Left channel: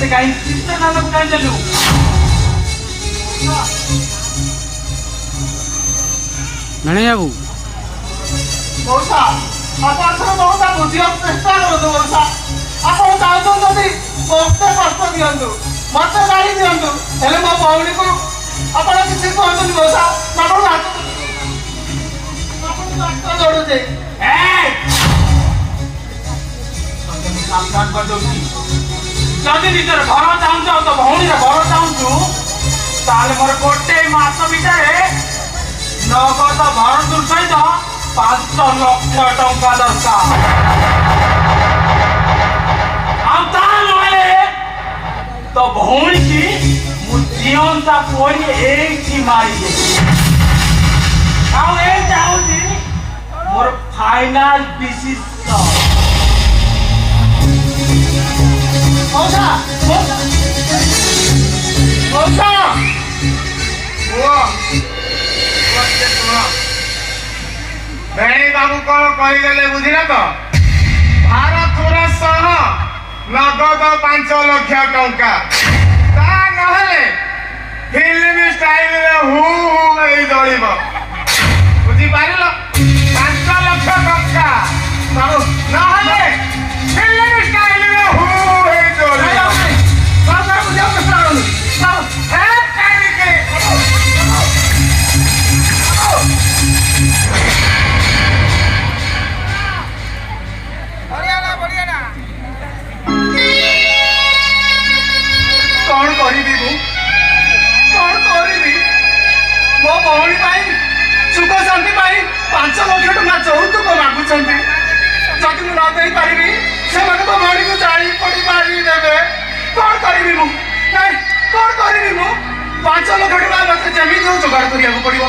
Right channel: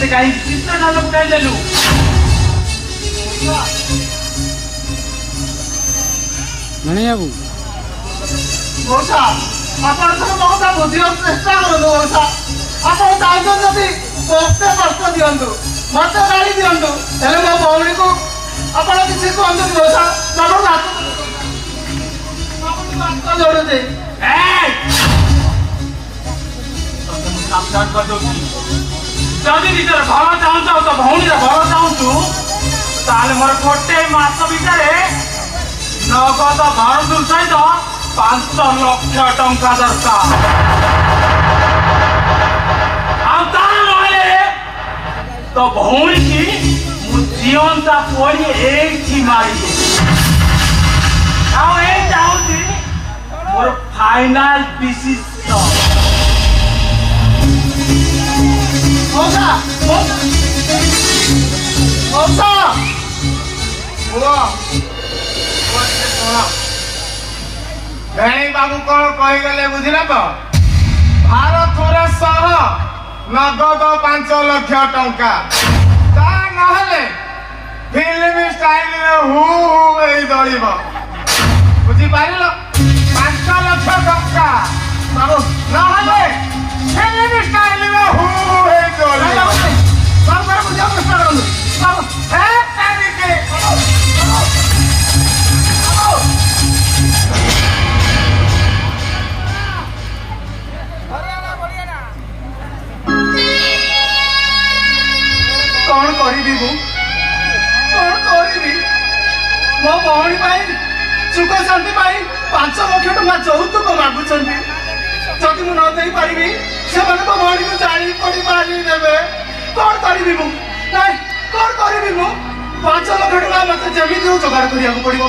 मत कहीं चिंता ना कर ले लू नहीं बाबू मौसा अपन तो मौसा बुझियो चेष्टा करू मौसा अपन चाहते जदि मते कष्ट दियंतु मते गाड़ी दियंतु हेले मो भौणी को अपन किसी कहंतु मौसा बाबू हाथ अपन कष्ट जोड़ दे ए साक्षात कर दो जदि भीतर घर चाहूँ तो भौणी घर चाहूँ ताले मोर गोटे मास भीतर नगद भरदूर सहित 5 लक्ष टंका दरकार तो भौणी की जीवनता पड़ी एक मारी चाहूँगी मोर फाइनाल डिसीजन मौसा मौसा मौसा भेणी बाबू कौन कहीगले बुझिला तो भारत सह नगद 5 लाख टंका ता नहले फिल्म स्टाइल रे हु दौड़ब बुझी पारिल 5 लाख टंका नहले फिल्म स्टाइल रे हु दौड़ब मो भौणी सुख शांति 5 लाख टंका चौतुक मागुंट जदि मुझे नई पारि से भौणी को जाई पड़ी मारी देवे कौन करी मु कौन करी मु 5 लाख टंका मत जमी हो जोगाड़ करा पड़ो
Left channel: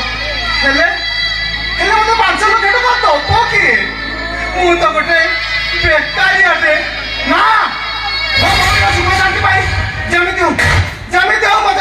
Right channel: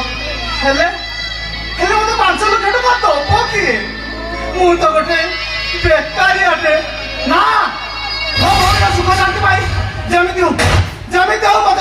मत 5 लाख टंका दब किए मु तो गोटे बेकारी अटे ना मो भौणी सुख शांति जमी हो मत